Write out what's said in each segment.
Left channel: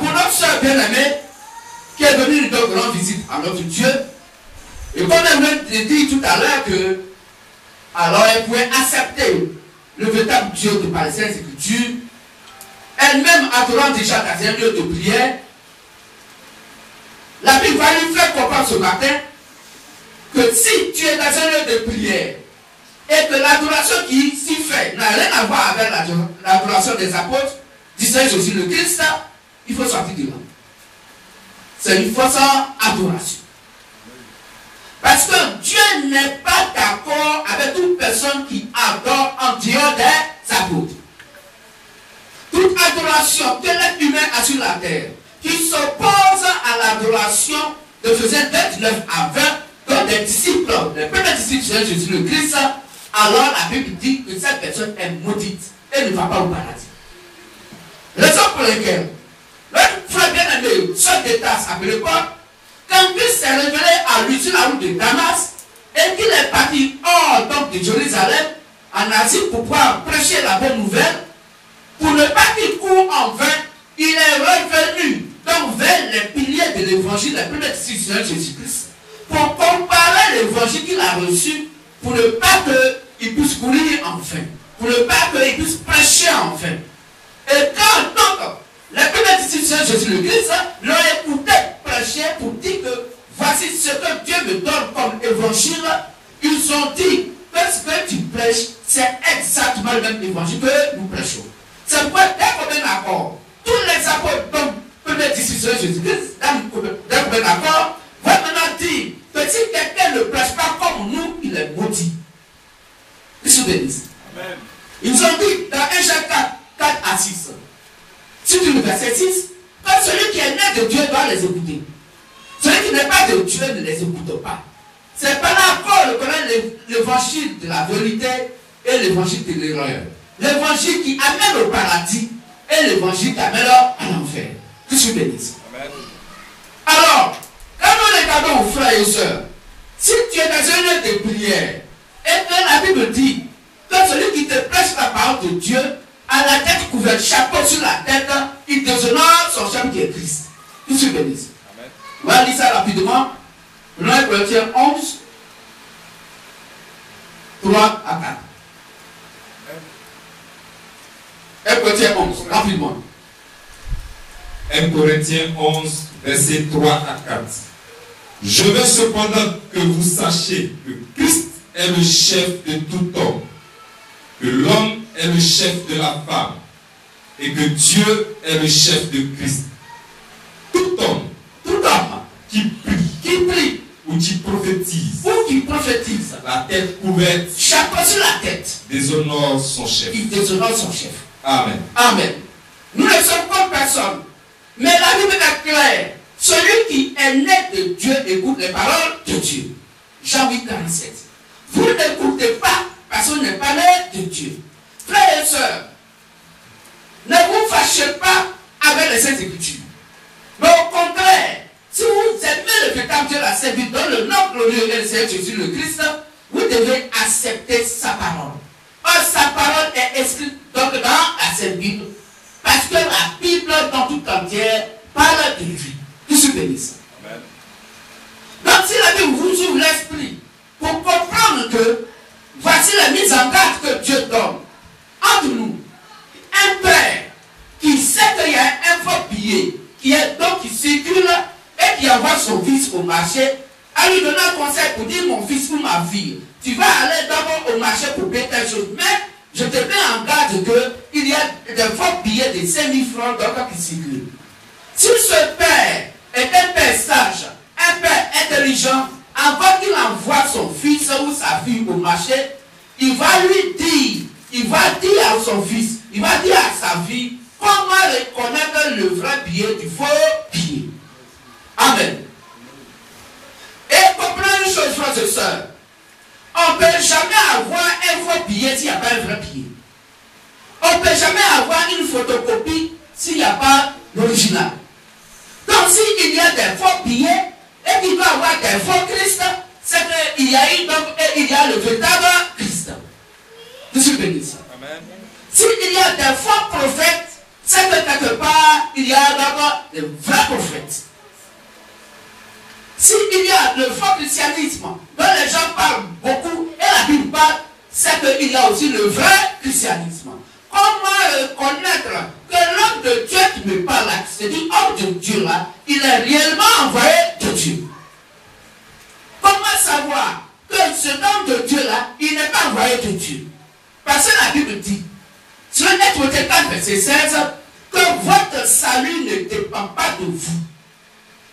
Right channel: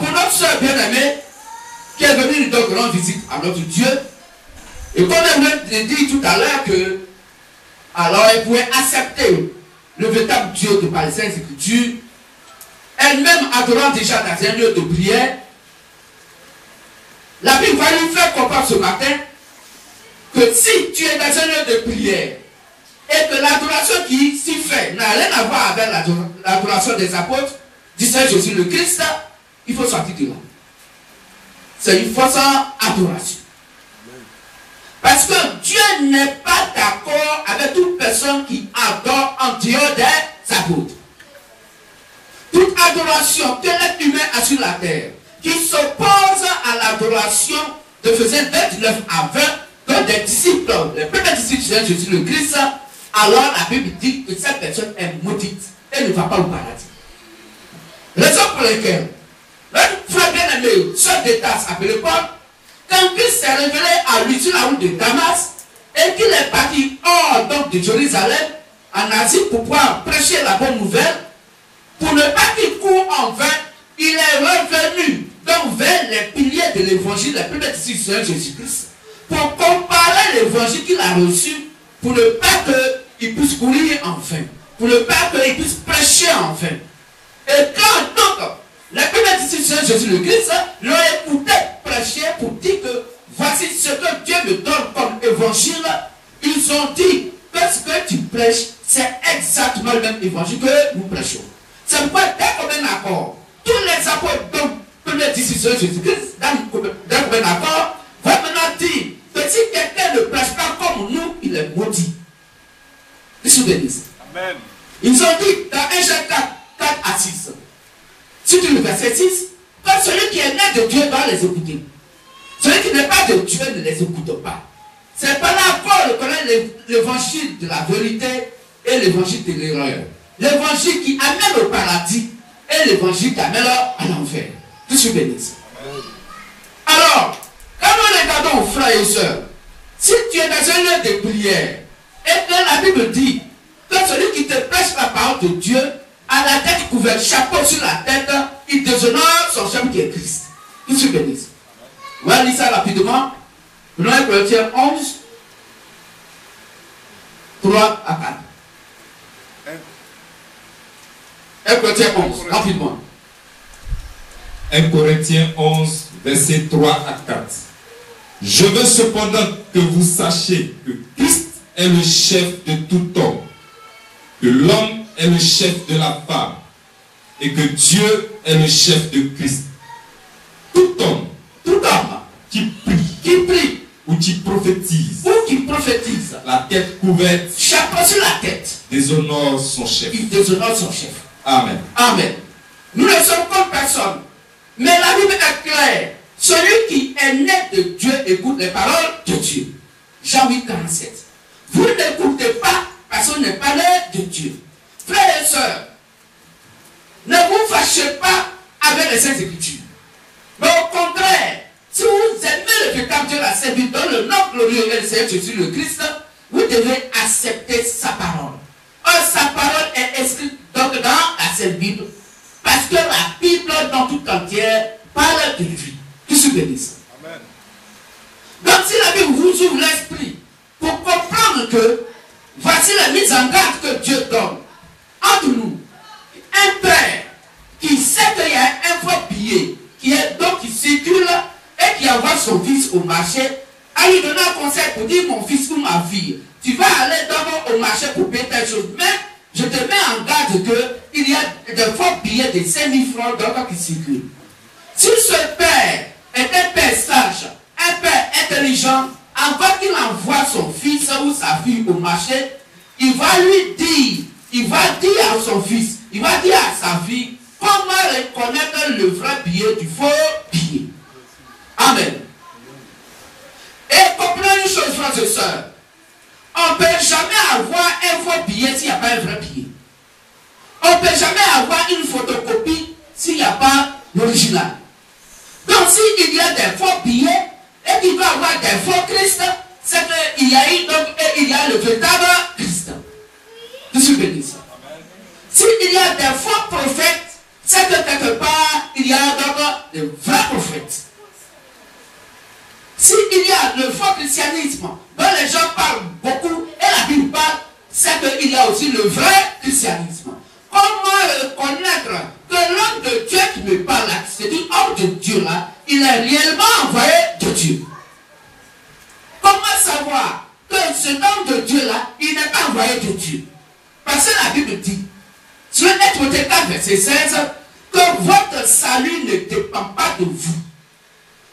pour notre soeur bien-aimée, qui est venue nous donner rendre visite à notre Dieu, et comme elle m'a dit tout à l'heure que, alors elle pouvait accepter le véritable Dieu de par les Saintes Écritures, elle-même adorant déjà dans un lieu de prière, la Bible va lui faire comprendre ce matin que si tu es dans un lieu de prière et que l'adoration qui s'y fait n'a rien à voir avec l'adoration des apôtres, du Seigneur Jésus le Christ, il faut sortir de là. C'est une fausse adoration. Parce que Dieu n'est pas d'accord avec toute personne qui adore en dehors des apôtres. Toute adoration que l'être humain a sur la terre, qui s'oppose à l'adoration de Ephésiens 29 à 20, que des disciples, les premiers disciples de Jésus le Christ, alors la Bible dit que cette personne est maudite et ne va pas au paradis. Raison pour laquelle, notre frère bien-aimé, ce détail appelé quoi? Quand Christ s'est révélé à lui sur la route de Damas, et qu'il est parti hors donc de Jérusalem, en Asie, pour pouvoir prêcher la bonne nouvelle, pour ne pas qu'il court en vain, il est revenu donc vers les piliers de l'évangile, les premiers disciples de Jésus-Christ, pour comparer l'évangile qu'il a reçu, pour ne pas qu'il puisse courir en vain, pour ne pas qu'il puisse prêcher en vain. Et quand donc les premiers disciples de Jésus le Christ l'ont écouté prêcher pour dire que voici ce que Dieu me donne comme évangile, ils ont dit que ce que tu prêches, c'est exactement le même évangile que nous prêchons. C'est pourquoi dès qu'on est d'accord, tous les apôtres, donc, premiers disciples de Jésus-Christ, d'un commun accord, vont maintenant dire que si quelqu'un ne prêche pas comme nous, il est maudit. Ils se bénissent. Amen. Ils ont dit dans 1 Jean 4 à 6, sur le verset 6, que celui qui est né de Dieu doit les écouter. Celui qui n'est pas de Dieu ne les écoute pas. C'est par là qu'on reconnaît l'évangile de la vérité et l'évangile de l'erreur. L'évangile qui amène au paradis et l'évangile qui amène à l'enfer. Que je bénisse. Alors, quand nous regardons, frères et sœurs, si tu es dans un lieu de prière, et bien la Bible dit que celui qui te prêche la parole de Dieu, à la tête couverte, chapeau sur la tête, il déshonore son chef qui est Christ. Que je bénisse. On va lire ça rapidement. 1 Corinthiens 11, 3 à 4. 1 Corinthiens 11, rapidement. 1 Corinthiens 11, versets 3 à 4. Je veux cependant que vous sachiez que Christ est le chef de tout homme, que l'homme est le chef de la femme, et que Dieu est le chef de Christ. Tout homme qui prie, ou qui prophétise, la tête couverte, chapeau sur la tête, déshonore son chef. Il déshonore son chef. Amen. Amen. Nous ne sommes comme personne. Mais la Bible est claire. Celui qui est né de Dieu écoute les paroles de Dieu. Jean 8, 47. Vous n'écoutez pas parce qu'on n'est pas né de Dieu. Frères et sœurs, ne vous fâchez pas avec les Saintes Écritures. Mais au contraire, si vous aimez le véritable Dieu, la Sainte Bible, dans le nom glorieux de Seigneur Jésus le Christ, vous devez accepter sa parole. Or, sa parole est écrite donc dans la Sainte Bible, parce que la Bible dans tout entière parle de lui. Que je bénisse. Amen. Donc, si la Bible vous ouvre l'esprit pour comprendre que voici la mise en garde que Dieu donne entre nous, un père qui sait qu'il y a un faux billet qui circule et qui envoie son fils au marché, à lui donner un conseil pour dire mon fils ou ma fille, tu vas aller d'abord au marché pour payer telle chose, mais je te mets en garde qu'il y a des faux billets de 5 000 francs qui circulent. Si ce père est un père sage, un père intelligent, encore qu'il envoie son fils ou sa fille au marché, il va dire à son fils, il va dire à sa fille, comment reconnaître le vrai billet du faux billet. Amen. Et comprenez une chose, frères et sœurs, on ne peut jamais avoir un faux billet s'il n'y a pas un vrai billet. On ne peut jamais avoir une photocopie s'il n'y a pas l'original. Donc s'il y a des faux billets et qu'il doit y avoir des faux Christ, c'est qu'il y a eu donc et il y a le véritable Christ. Je suis béni. S'il y a des faux prophètes, c'est que quelque part il y a d'abord de vrais prophètes. S'il y a le faux christianisme, dont les gens parlent beaucoup, et la Bible parle, c'est qu'il y a aussi le vrai christianisme. Comment connaître que l'homme de Dieu qui me parle là, c'est du homme de Dieu là, il est réellement envoyé de Dieu? Comment savoir que cet homme de Dieu là, il n'est pas envoyé de Dieu? Parce que la Bible dit, sur Timothée 4, verset 16, que votre salut ne dépend pas de vous.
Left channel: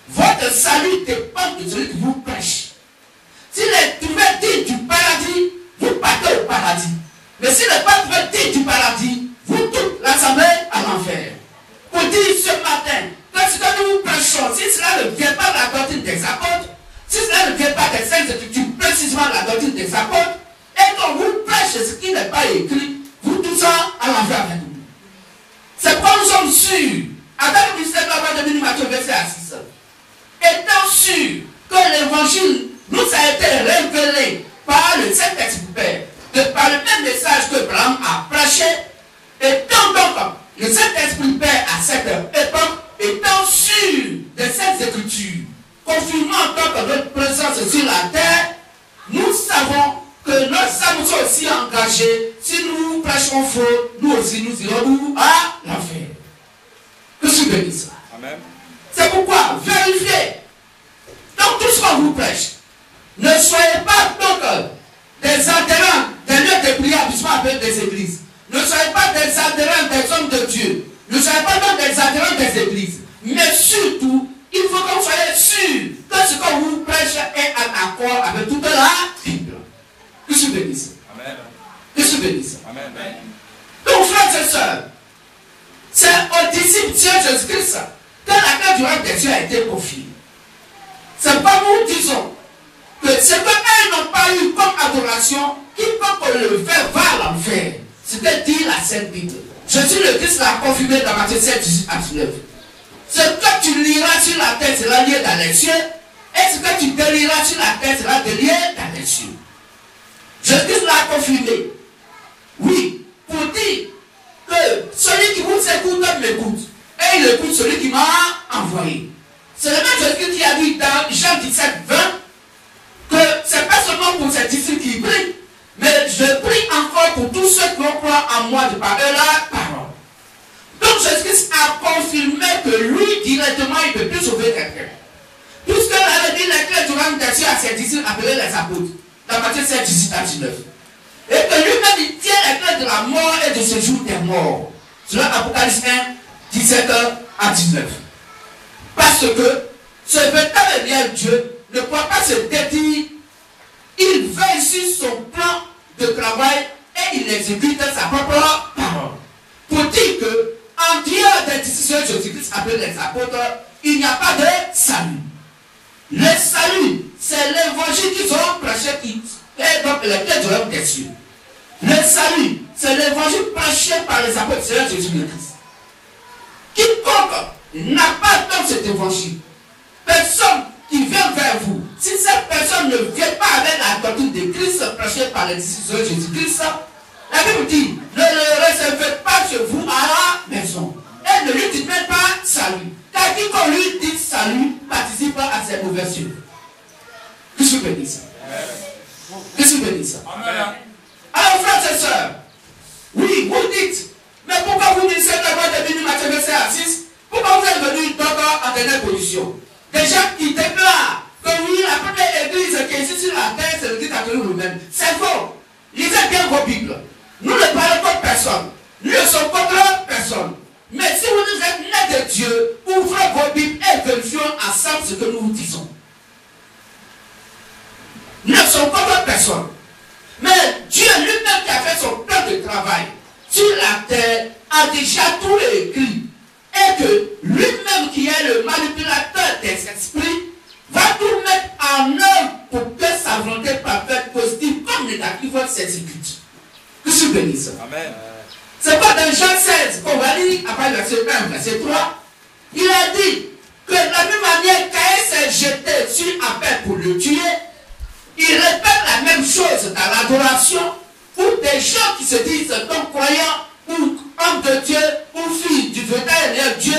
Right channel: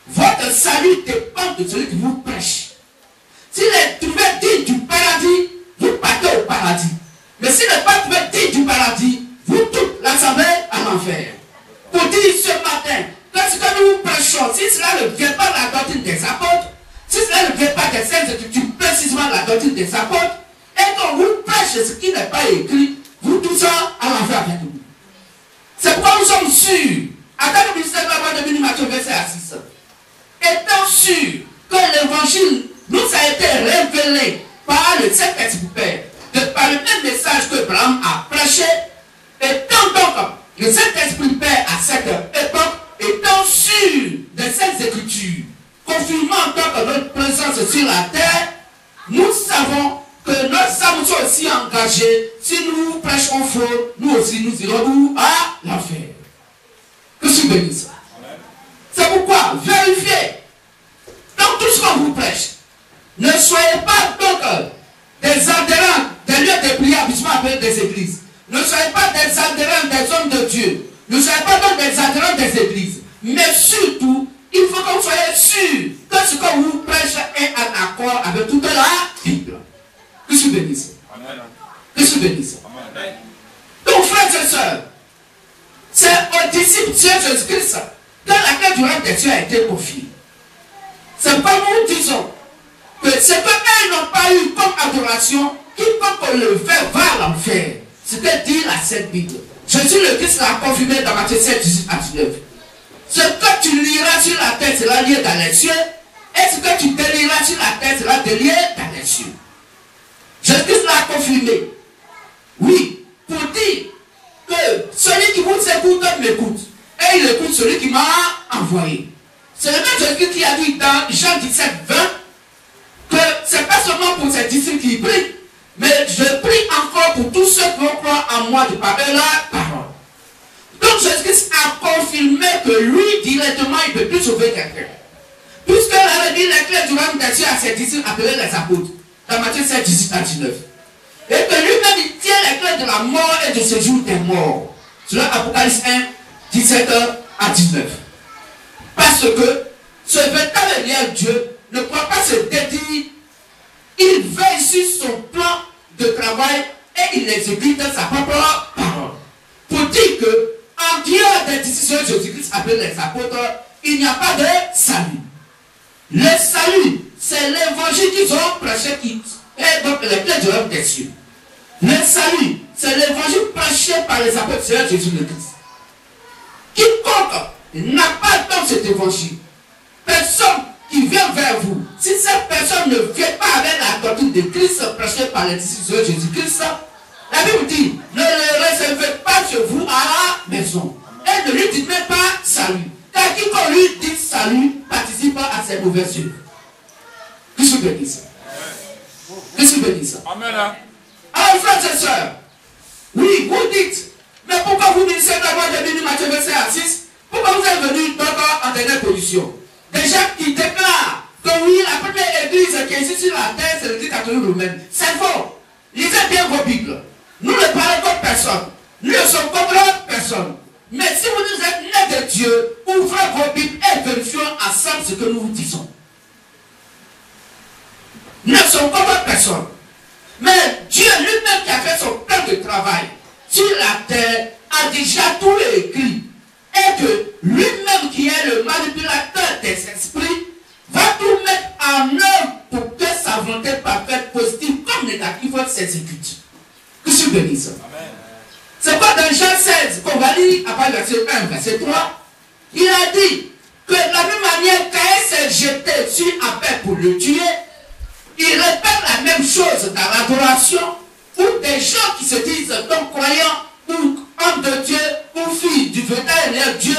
Votre salut dépend de celui qui vous prêche. S'il est trouvé digne du paradis, vous partez au paradis. Mais s'il n'est pas trouvé digne du paradis, vous toute l'assemblée à l'enfer. Pour dire ce matin, que ce que nous prêchons, si cela ne vient pas de la doctrine des apôtres, si cela ne vient pas des saintes écritures, précisément la doctrine des apôtres, et qu'on vous prêche ce qui n'est pas écrit, vous tous à l'enfer avec nous. C'est pourquoi nous sommes sûrs, avec le ministère de la voix de Béni Matthieu, verset 6, étant sûrs que l'évangile nous a été révélé par le Saint-Esprit Père, par le même message que Abraham a prêché, étant donc le Saint-Esprit Père à cette époque, étant sûr de cette écriture, confirmant donc notre présence sur la terre, nous savons que nos âmes sont aussi engagées. Si nous prêchons faux, nous aussi nous irons à l'enfer. Que je bénisse. C'est pourquoi vérifiez dans tout ce qu'on vous prêche. Ne soyez pas donc des adhérents des lieux de prière, puisqu'on appelle des églises. Ne soyez pas des adhérents des hommes de Dieu. Ne soyez pas donc des adhérents des églises. Mais surtout, il faut que vous soyez sûrs que ce qu'on vous prêche est en accord avec toute la Bible. Que je bénisse. Que je bénisse. Donc, frères et sœurs, c'est aux disciples de Jésus-Christ que la clé du règne des cieux a été confiée. C'est comme nous disons que ce qu'eux n'ont pas eu comme adoration, quiconque le fait va à l'enfer. C'est ce que dit la Sainte Bible. Jésus le Christ l'a confirmé dans Matthieu 7, 18 à 19. Ce que tu liras sur la terre sera lié dans les cieux, et ce que tu délieras sur la terre sera délié dans les cieux. Jésus l'a confirmé. Oui, pour dire que celui qui vous écoute m'écoute, et il écoute celui qui m'a envoyé. C'est le même Jésus qui a dit dans Jean 17, 20, que ce n'est pas seulement pour ces disciples qui prient, mais je prie encore pour tous ceux qui vont croire en moi de par la parole. Donc Jésus a confirmé que lui, directement, il ne peut plus sauver quelqu'un. Puisque la dit les clés du royaume des cieux à ses disciples appelés les apôtres, dans Matthieu 7, 18 à 19. Et que lui-même, il tient les clés de la mort et de ce jour des morts. Selon Apocalypse 1, 17 à 19. Parce que ce véritable et réel Dieu ne croit pas se détenir. Il veille sur son plan de travail et il exécute sa propre parole. Pour dire que, en dehors des disciples de Jésus-Christ appelés les apôtres, il n'y a pas de salut. Le salut, c'est l'évangile qu'ils ont prêché qui est donc les clés du royaume des cieux. Le salut, c'est l'évangile prêché par les apôtres de Jésus-Christ. Quiconque n'a pas donc cet évangile, personne qui vient vers vous, si cette personne ne vient pas avec la doctrine de Christ prêchée par les disciples de Jésus-Christ, la Bible dit, ne le réservez pas chez vous à la maison. Et ne lui dites même pas salut. Car quiconque lui dit salut participe à ses mauvaises œuvres. Que je bénisse. Que je bénisse. Alors, frères et sœurs, oui, vous dites, mais pourquoi vous dites d'abord de Béni Matthieu verset 6? Pourquoi vous êtes venu d'abord en dernière position? Des gens qui déclarent que oui, la première église qui est ici sur la terre, c'est l'église catholique romaine. C'est faux. Lisez bien vos Bibles. Nous ne parlons contre personne. Nous ne sommes contre personne. Mais si vous êtes nés de Dieu, ouvrez vos Bibles et vérifions ensemble ce que nous vous disons. Nous ne sommes contre personne. Mais Dieu lui-même qui a fait son plan de travail sur la terre a déjà tout écrit. Et que lui-même qui est le manipulateur des esprits va tout mettre en œuvre pour que sa volonté parfaite, positive comme négative, s'exécute. Que je bénisse. Amen. C'est pas dans Jean 16 qu'on va lire, après verset 1, verset 3, il a dit que de la même manière Caïn s'est jeté sur Abel pour le tuer, il répète la même chose dans l'adoration, où des gens qui se disent donc croyants, ou hommes de Dieu, ou filles du véritable Dieu,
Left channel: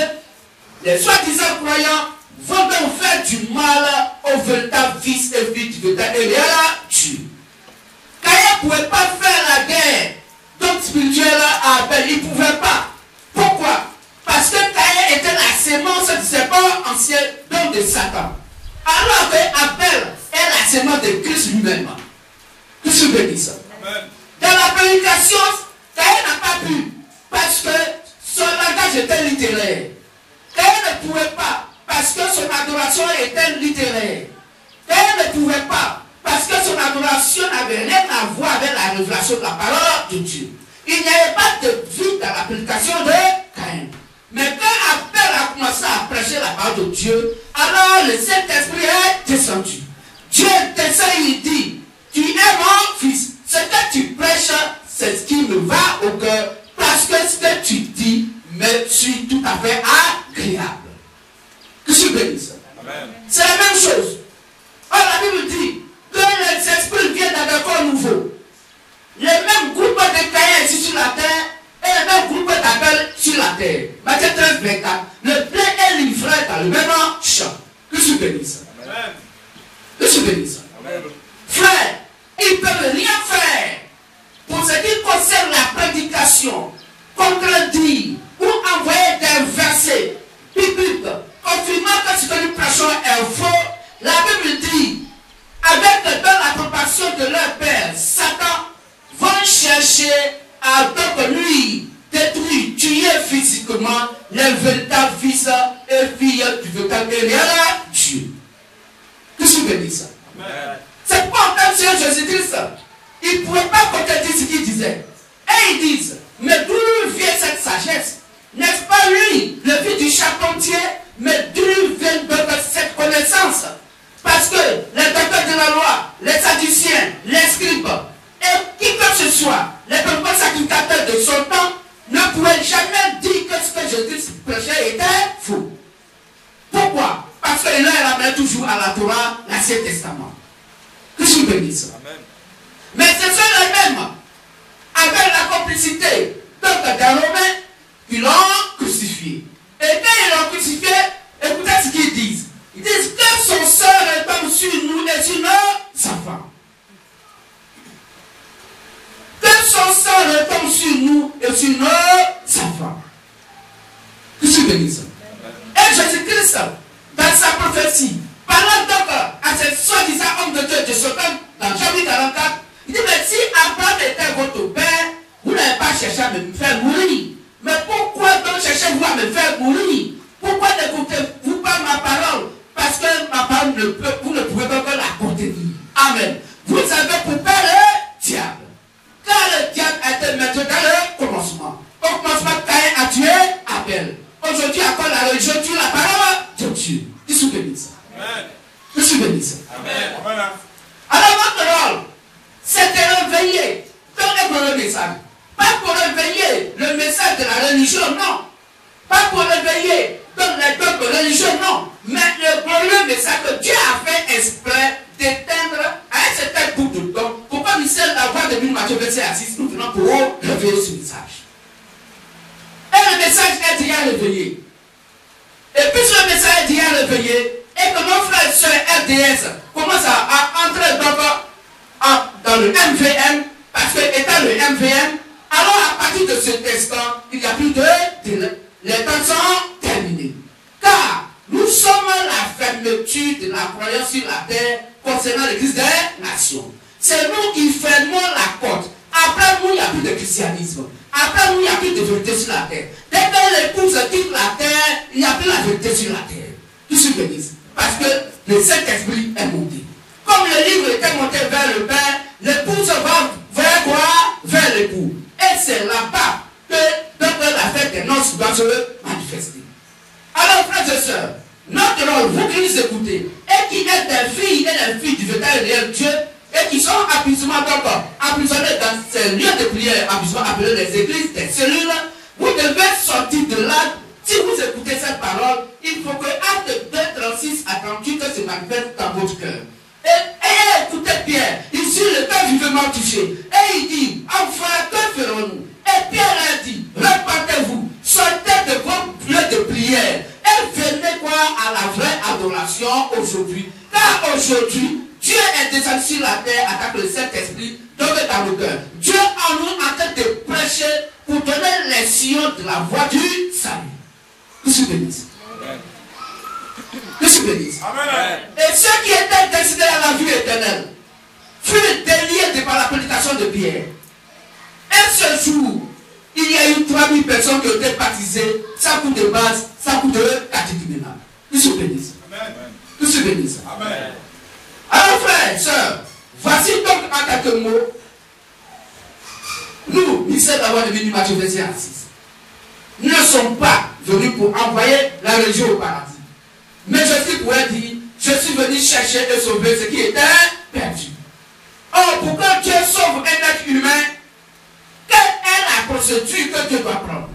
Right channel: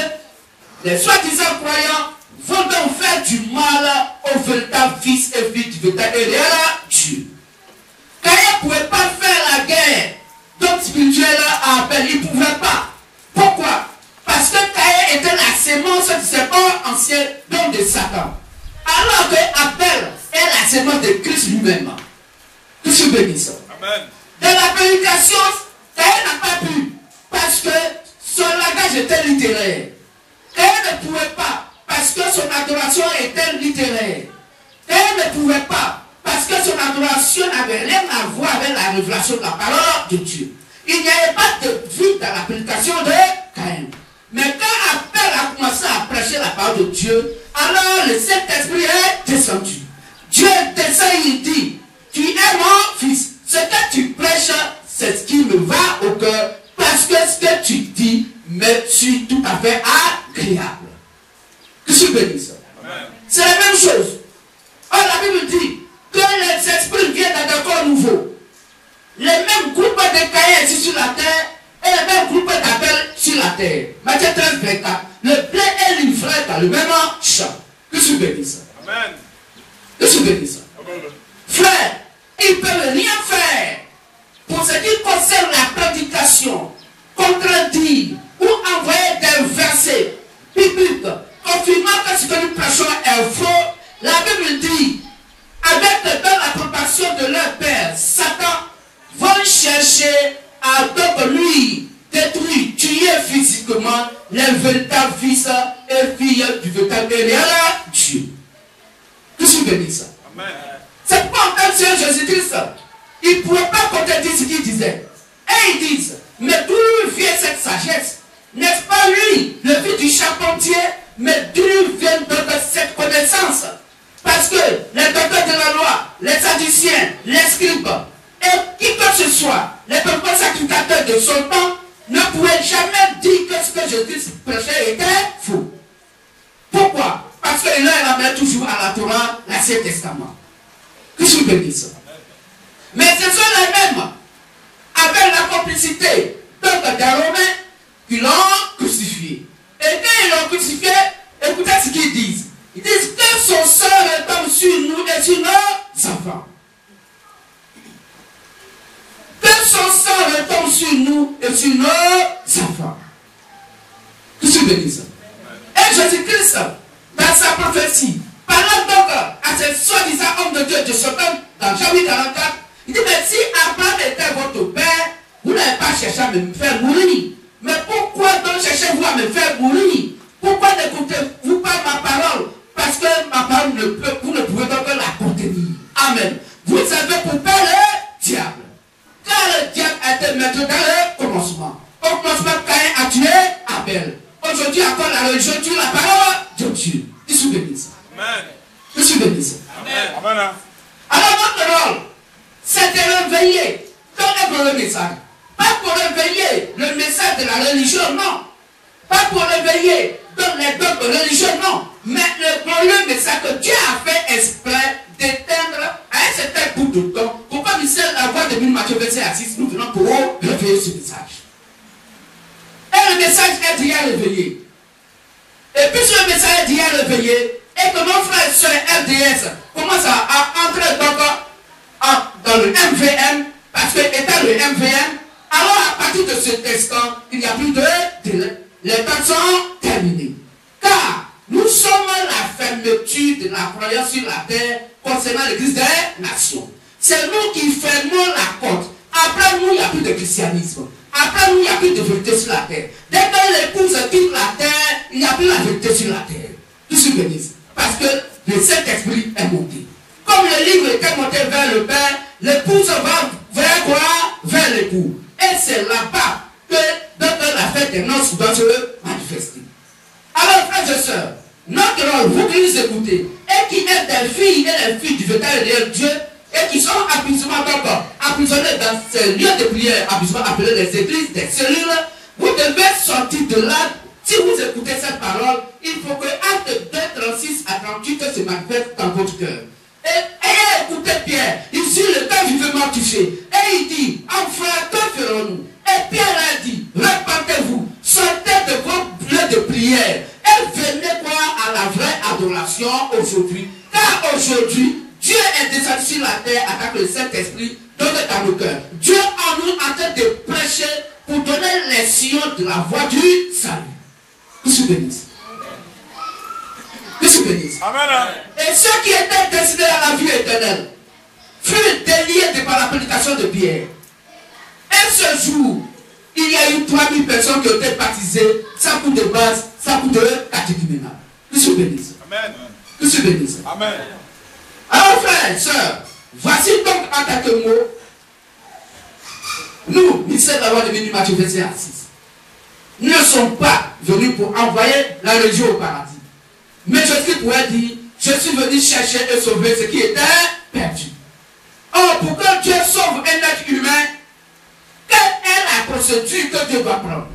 les soi-disant croyants vont donc faire du mal au véritable fils et fille du véritable Dieu. Caïn ne pouvait pas faire la guerre donc spirituelle à Abel, il ne pouvait pas. Pourquoi? Parce que Caïn était la sémence du serpent ancien donc de Satan. Alors que Abel est la sémence de Christ lui-même. Que je bénisse. Amen. Dans la prédication, Caïn n'a pas pu, parce que son langage était littéraire. Caïn ne pouvait pas, parce que son adoration était littéraire. Caïn ne pouvait pas, parce que son adoration n'avait rien à voir avec la révélation de la parole de Dieu. Il n'y avait pas de vie dans la prédication de Caïn. Mais quand Abel a commencé à prêcher la parole de Dieu, alors le Saint-Esprit est descendu. Dieu descend et il dit, tu es mon fils. Ce que tu prêches, c'est ce qui me va au cœur, parce que ce que tu dis me suis tout à fait agréable. Que je bénisse. C'est la même chose. Or, la Bible dit que les esprits viennent d'un corps nouveau. Les mêmes groupes de Caïn ici sur la terre et les mêmes groupes d'Abel sur la terre. Matthieu 13, 24. Le blé est livré dans le même champ. Que je bénisse. Amen. Que je bénisse. Amen. Frère, ils ne peuvent rien faire pour ce qui concerne la prédication, contredire ou envoyer des versets bibliques confirmant que ce que nous prêchons est faux. La Bible dit, avec l'approbation de leur père, Satan, vont chercher à donc lui détruire, tuer physiquement les véritables fils et filles du véritable Dieu. Que je bénisse. Amen. C'est pourquoi quand Seigneur Jésus-Christ, il ne pouvait pas contredire ce qu'il disait. Et ils disent, mais d'où vient cette sagesse? N'est-ce pas lui, le fils du charpentier? Mais d'où vient donc cette connaissance? Parce que les docteurs de la loi, les sadduciens, les scribes, et qui que ce soit, les premiers sacrificateurs de son temps, ne pouvaient jamais dire que ce que Jésus prêchait était faux. Pourquoi? Parce qu'il leur ramène toujours à la Torah, l'Ancien Testament. Que je bénisse. Mais ce sont les mêmes, avec la complicité donc des Romains, qui l'ont crucifié. Et quand ils l'ont crucifié, écoutez ce qu'ils disent. Ils disent que son sang retombe sur nous et sur nos enfants. Que son sang retombe sur nous et sur nos enfants. Que je bénisse. Et Jésus-Christ, dans sa prophétie, parlant donc à ces soi-disant hommes de Dieu de son temps, dans Jérémie 44, il dit, mais si Abraham était votre père, vous n'avez pas cherché à me faire mourir. Mais pourquoi donc cherchez-vous à me faire mourir? Pourquoi n'écoutez-vous pas ma parole? Parce que ma parole, vous ne pouvez pas la contenir. Amen. Vous avez pour père le diable. Car le diable était maître dans le commencement. Au commencement, Caïn a tué Abel. Aujourd'hui, à quoi la religion tue la parole de Dieu? Je suis béni. Amen. Je suis béni. Amen. Alors, votre rôle, c'est de réveiller. Donnez-moi le message. Pas pour réveiller le message de la religion, non. Pas pour réveiller les peuples religieux, non. Mais le message que Dieu a fait exprès d'éteindre à un certain bout de temps. Pourquoi nous sommes à la voix de Matthieu verset 6, nous venons pour réveiller ce message. Et le message est déjà réveillé. Et puis ce message est déjà réveillé, et que nos frères et sœurs RDS commencent à entrer dans le MVM, parce que étant le MVM, alors à partir de cet instant, il n'y a plus de délai. Les temps sont terminés. Car nous sommes la fermeture de la croyance sur la terre concernant l'église des nations. C'est nous qui fermons la porte. Après nous, il n'y a plus de christianisme. Après nous, il n'y a plus de vérité sur la terre. Dès que l'épouse quitte la terre, il n'y a plus la vérité sur la terre. Tout ce que disent. Parce que le Saint-Esprit est monté. Comme le livre était monté vers le Père, l'épouse va vers quoi? Vers l'époux. Et c'est là-bas que la fête des noces doit se manifester. Alors, frères et sœurs, notre rôle, vous qui nous écoutez, et qui êtes des filles et des filles du véritable Dieu, et qui sont emprisonnés dans ces lieux de prière, appelés les églises, des cellules, vous devez sortir de là. Si vous écoutez cette parole, il faut que Acte 2, 36 à 38 se manifeste dans votre cœur. Et écoutez Pierre, ici le cœur du vivement touché. Et il dit, enfin, que ferons-nous? Et Pierre a dit, répandez-vous, sortez de vos lieux de prière, et l'adoration aujourd'hui. Car aujourd'hui, Dieu est descendu sur la terre avec le Saint-Esprit dans le cœur. Dieu en nous en train de prêcher pour donner les sillons de la voie du salut. Que se bénisse. Que se bénisse. Et ceux qui étaient destinés à la vie éternelle furent déliés par la prédication de Pierre. Et ce jour, il y a eu 3000 personnes qui ont été baptisées sans coup de base, sans coup de catéchuménat. Que se bénisse. Amen. Que se bénisse. Amen. Alors frères et sœurs, voici donc en quelques mots, nous, ministère de la loi de Matthieu 26, nous ne sommes pas venus pour envoyer la religion au paradis. Mais Jésus pourrait dire, je suis venu chercher et sauver ce qui était perdu. Or, pour que Dieu sauve un être humain, quelle est la procédure que Dieu va prendre?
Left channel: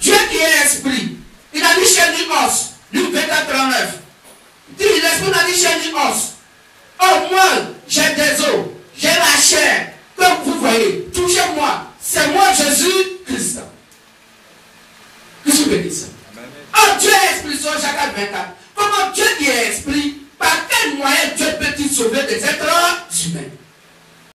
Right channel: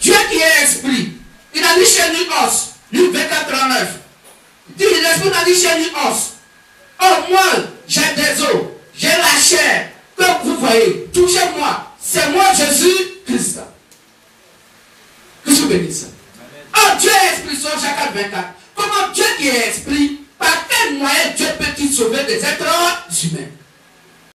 Dieu qui est esprit, il n'a ni chair ni os. Luc 24:39. Dit, l'esprit n'a ni chair ni os. Or, moi, j'ai des os, j'ai la chair. Comme vous voyez, touchez-moi. C'est moi, Jésus-Christ. Que je bénisse. Oh, Dieu est esprit, sur Jacques 24. Comment Dieu qui est esprit, par quel moyen Dieu peut-il sauver des êtres humains?